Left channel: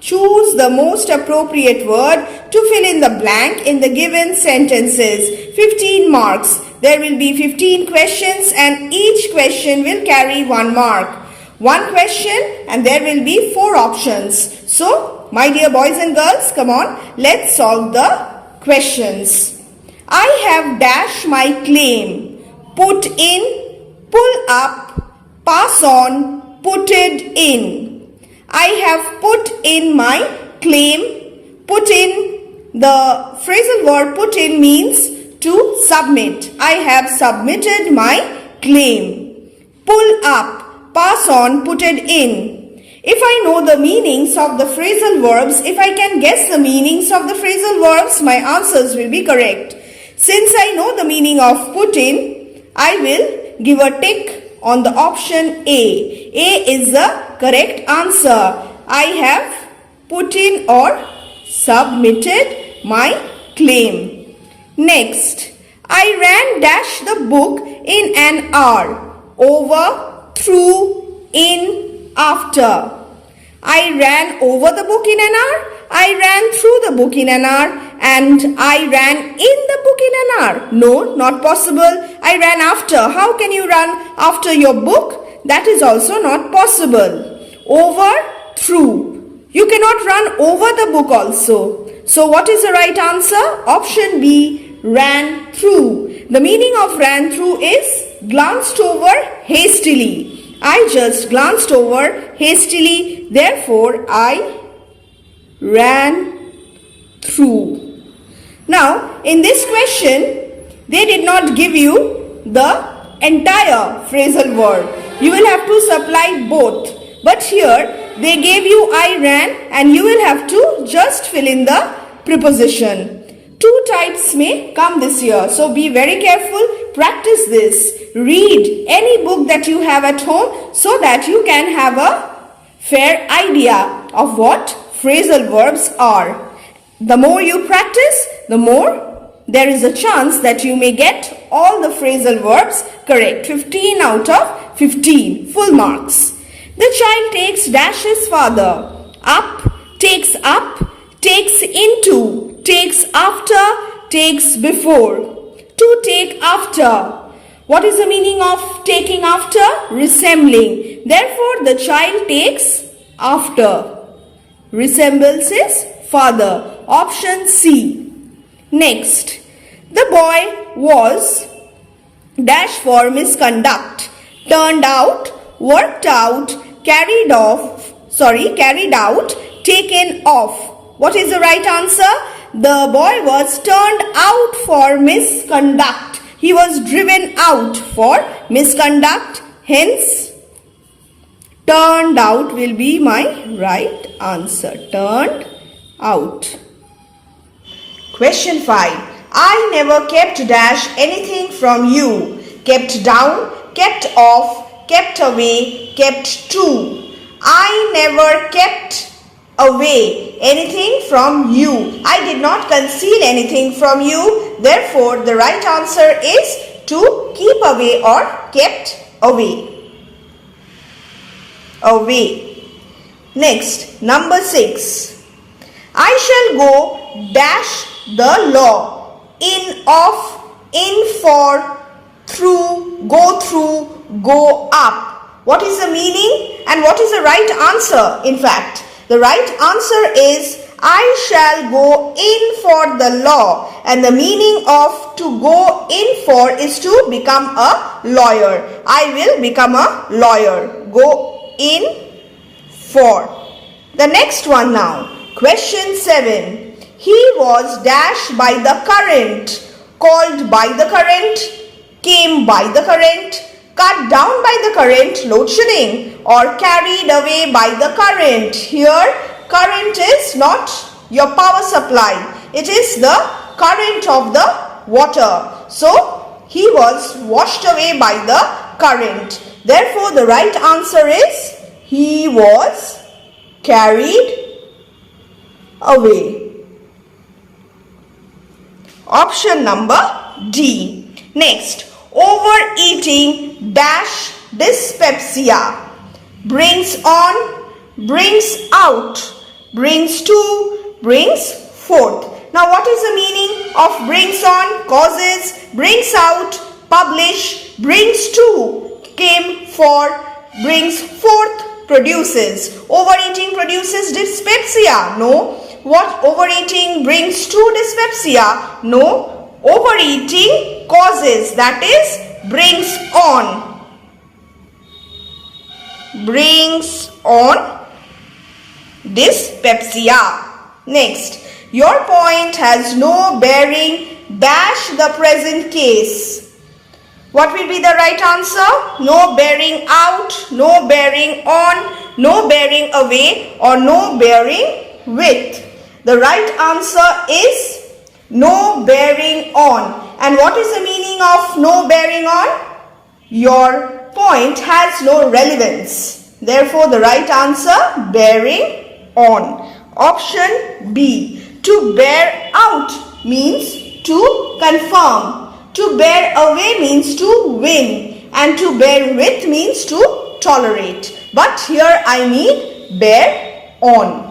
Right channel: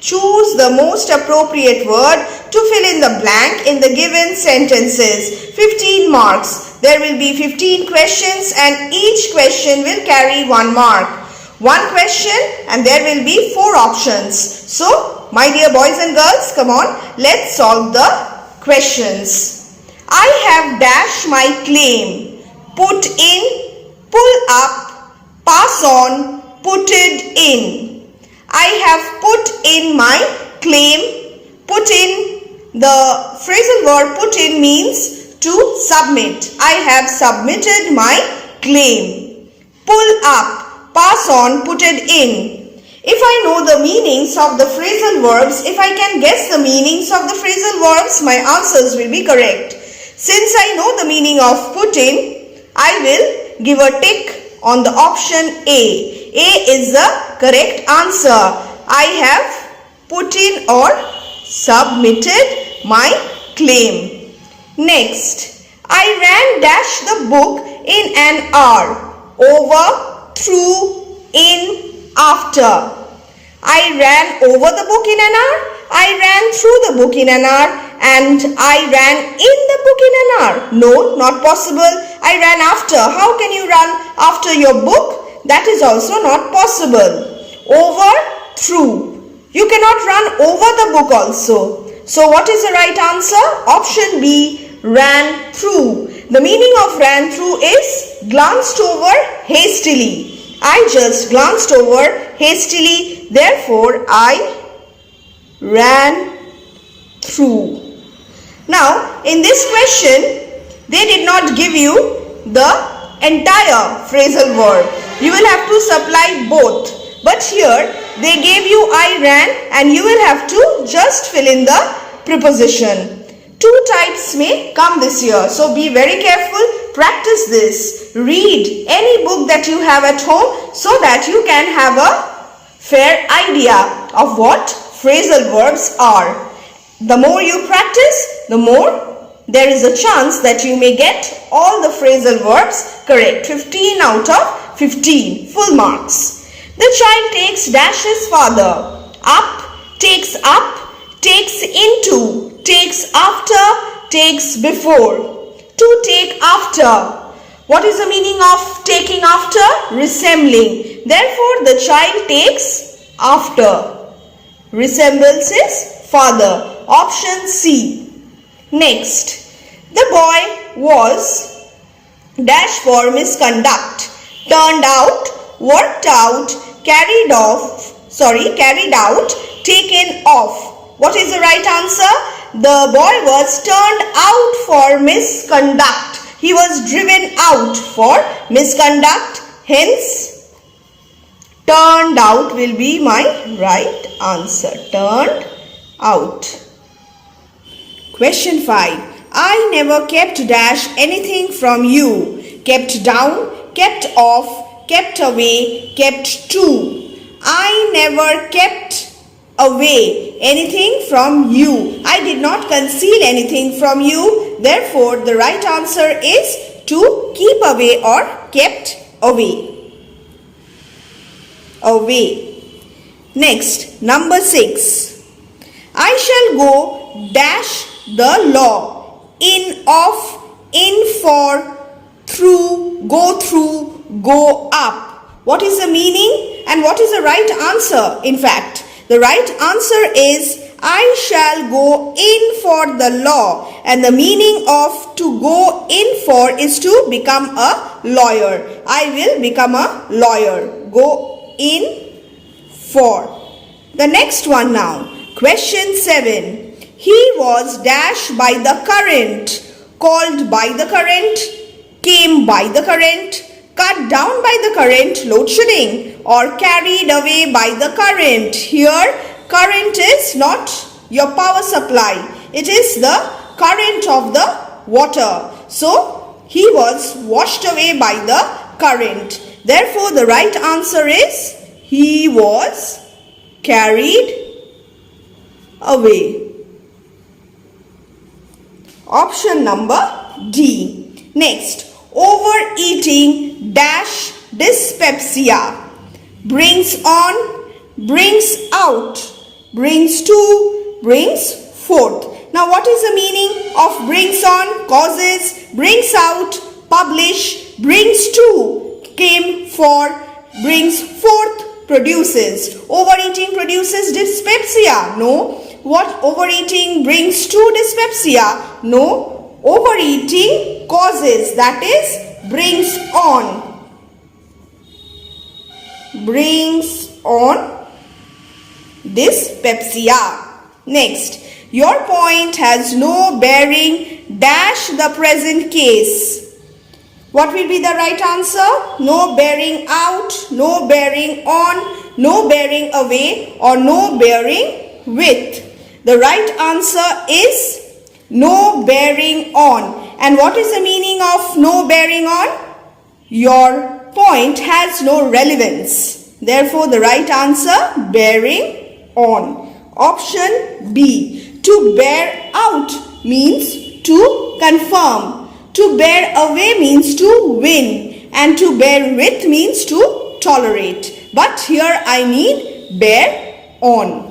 Choose the most appropriate word to fill in the blank in the given sentences. 15 marks. There will be 15 questions and each question will carry 1 mark. One question and there will be 4 options. So, my dear boys and girls, come on, let's solve the questions. I have dashed my claim. Put in, pull up, pass on, putted in. I have put in my claim. Put in, the phrasal verb put in means to submit. I have submitted my claim. Pull up, pass on, putted in. If I know the meanings of the phrasal verbs, if I can guess the meanings of the phrasal verbs, my answers will be correct. Since I know the meaning of put in, I will give a tick on the option A. A is the correct answer. I have put in or submitted my claim. Next, I ran dash the book in an hour. Over, through, in, after. I ran over the book in an hour. I ran through the book in an hour. And I ran in the book in an hour. No, not possible. I ran after. How can you run after your book? That is also not possible. Over, through. You cannot run over the book also. So what is the right answer? Option B, ran through. The meaning of ran through is glanced over hastily. I just glanced over hastily. Therefore, I ran through. Now, in this question, they did not give you the entire phrasal verb. You will have to supply both. But here, they gave you I ran and you will have to just fill in the preposition. 2 types may come this year. So, be very careful. Practice this. Read any book that you have at home so that you can have a fair idea of what phrasal verbs are. The more you practice, the more there is a chance that you may get all the phrasal verbs correct. 15 out of 15, full marks. The child takes dashes father. Up, takes into, takes after, takes before. To take after. What is the meaning of taking after? Resembling. Therefore, the child takes after. Resembles his father. Option C. Next, the boy was dash for misconduct, turned out, worked out, carried out, taken off. What is the right answer? The boy was turned out for misconduct. He was driven out for misconduct. Hence, turned out will be my right answer. Turned out. Question 5. I never kept dash anything from you. Kept down, kept off, kept away, kept to. I never kept away anything from you. I did not conceal anything from you. Therefore, the right answer is to keep away or kept away. Away. Next, number 6. I shall go dash the law. In, off, in, for, through, go up. What is the meaning and what is the right answer? In fact, the right answer is I shall go in for the law, and the meaning of to go in for is to become a lawyer. I will become a lawyer. Go in for. The next one now. Question 7. He was dashed by the current, called by the current, came by the current, cut down by the current, load shedding, or carried away by the current. Here, current is not your power supply. It is the current of the water. So, he was washed away by the current. Therefore, the right answer is he was carried away. Option number D. Next, overeating dash dyspepsia. Brings on, brings out, brings to, brings forth. Now what is the meaning of brings on, causes, brings out, publish, brings to, came for, brings forth, produces. Overeating produces dyspepsia? No. What overeating brings to dyspepsia? No. Overeating causes, that is, brings on. Brings on dyspepsia. Next, your point has no bearing dash the present case. What will be the right answer? No bearing out, no bearing on, no bearing away, or no bearing with. The right answer is no bearing on. And what is the meaning of no bearing on? Your point has no relevance. Therefore, the right answer, bearing on. Option B. To bear out means to confirm. To bear away means to win. And to bear with means to tolerate. But here I need bear on.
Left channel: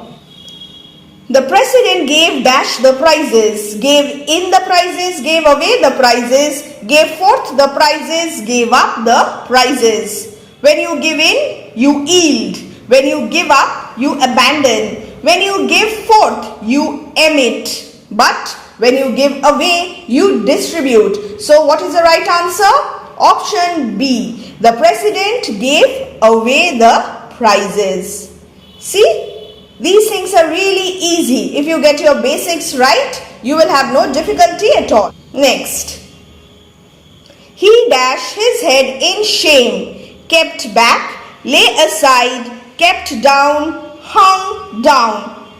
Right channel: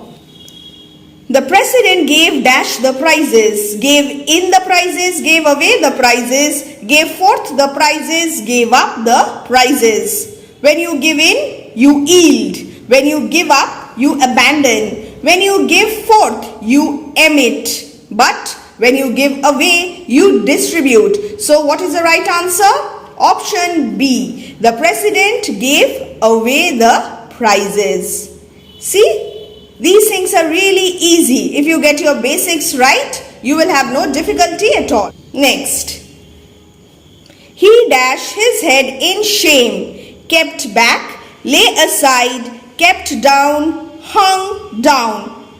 The president gave dash the prizes, gave in the prizes, gave away the prizes, gave forth the prizes, gave up the prizes. When you give in, you yield. When you give up, you abandon. When you give forth, you emit. But when you give away, you distribute. So what is the right answer? Option B. The president gave away the prizes. See? These things are really easy. If you get your basics right, you will have no difficulty at all. Next. He dashed his head in shame, kept back, lay aside, kept down, hung down.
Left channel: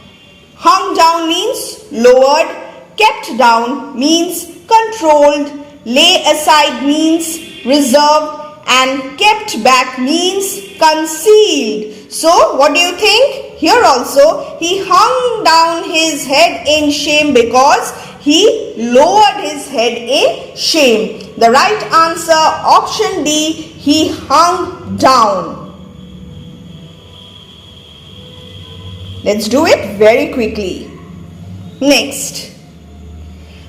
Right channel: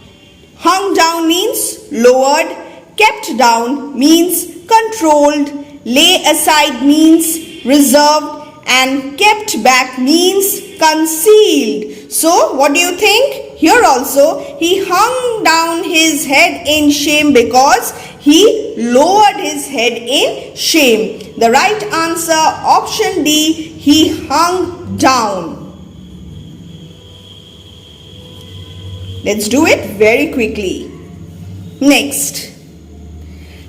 Hung down means lowered, kept down means controlled, lay aside means reserved, and kept back means concealed. So, what do you think? Here also, he hung down his head in shame because he lowered his head in shame. The right answer, option D, he hung down. Let's do it very quickly. Next.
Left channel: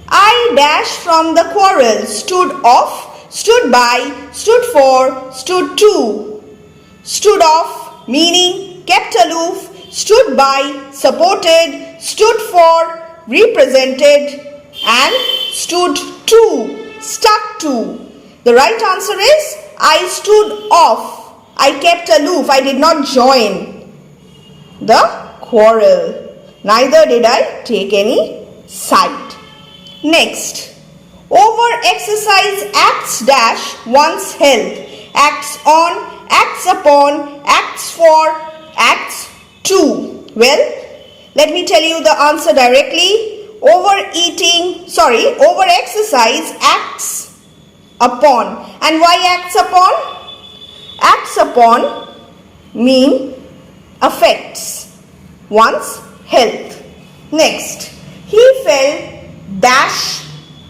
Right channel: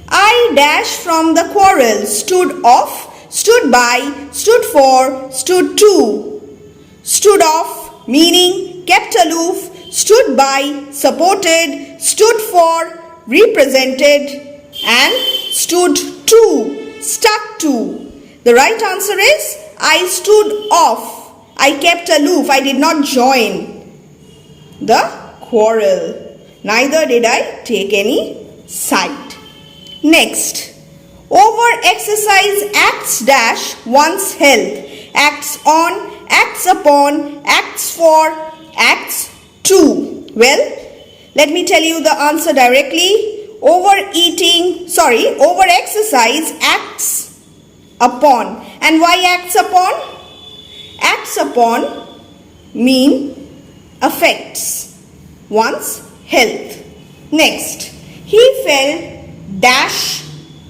I dashed from the quarrel, stood off, stood by, stood for, stood to. Stood off meaning kept aloof, stood by, supported, stood for, represented, and stood to, stuck to. The right answer is I stood off. I kept aloof. I did not join the quarrel. Neither did I take any side. Next. Over-exercise acts dash one's health. Acts on, acts upon, acts for, acts to. Well, let me tell you the answer directly. Over-exercise acts upon. And why acts upon? Acts upon mean affects one's health. Next, he fell dash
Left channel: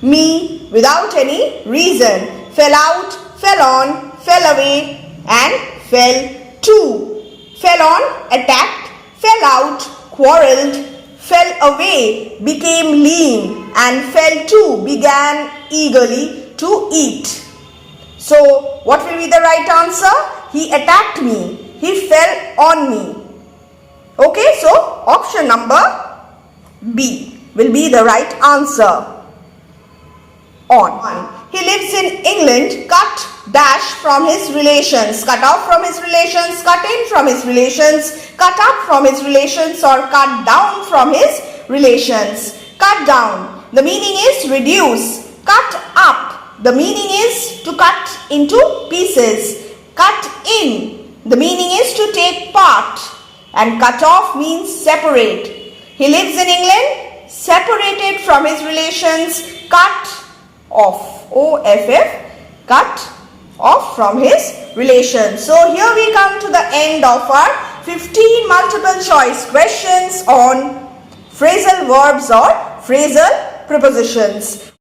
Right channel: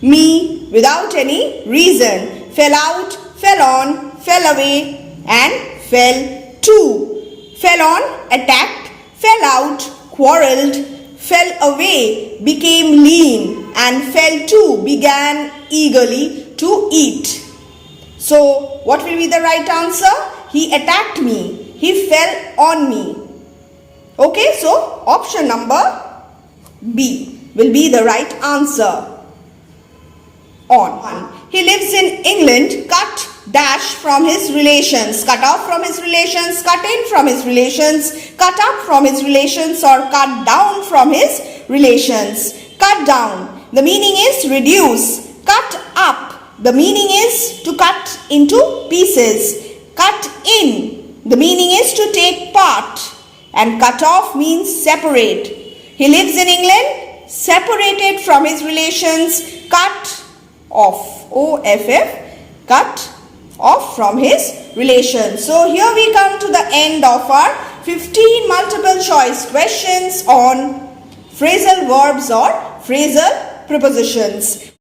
me without any reason. Fell out, fell on, fell away, and fell to. Fell on, attacked, fell out, quarreled, fell away, became lean, and fell to, began eagerly to eat. So, what will be the right answer? He attacked me. He fell on me. Okay, so option number B will be the right answer. On. He lives in England, cut dash from his relations, cut off from his relations, cut in from his relations, cut up from his relations, or cut down from his relations. Cut down, the meaning is reduce. Cut up, the meaning is to cut into pieces. Cut in, the meaning is to take part. And cut off means separate. He lives in England, separated from his relations, cut off. O-F-F, cut off from his relations. So here we come to the end of our 15 multiple choice questions on phrasal verbs or phrasal prepositions.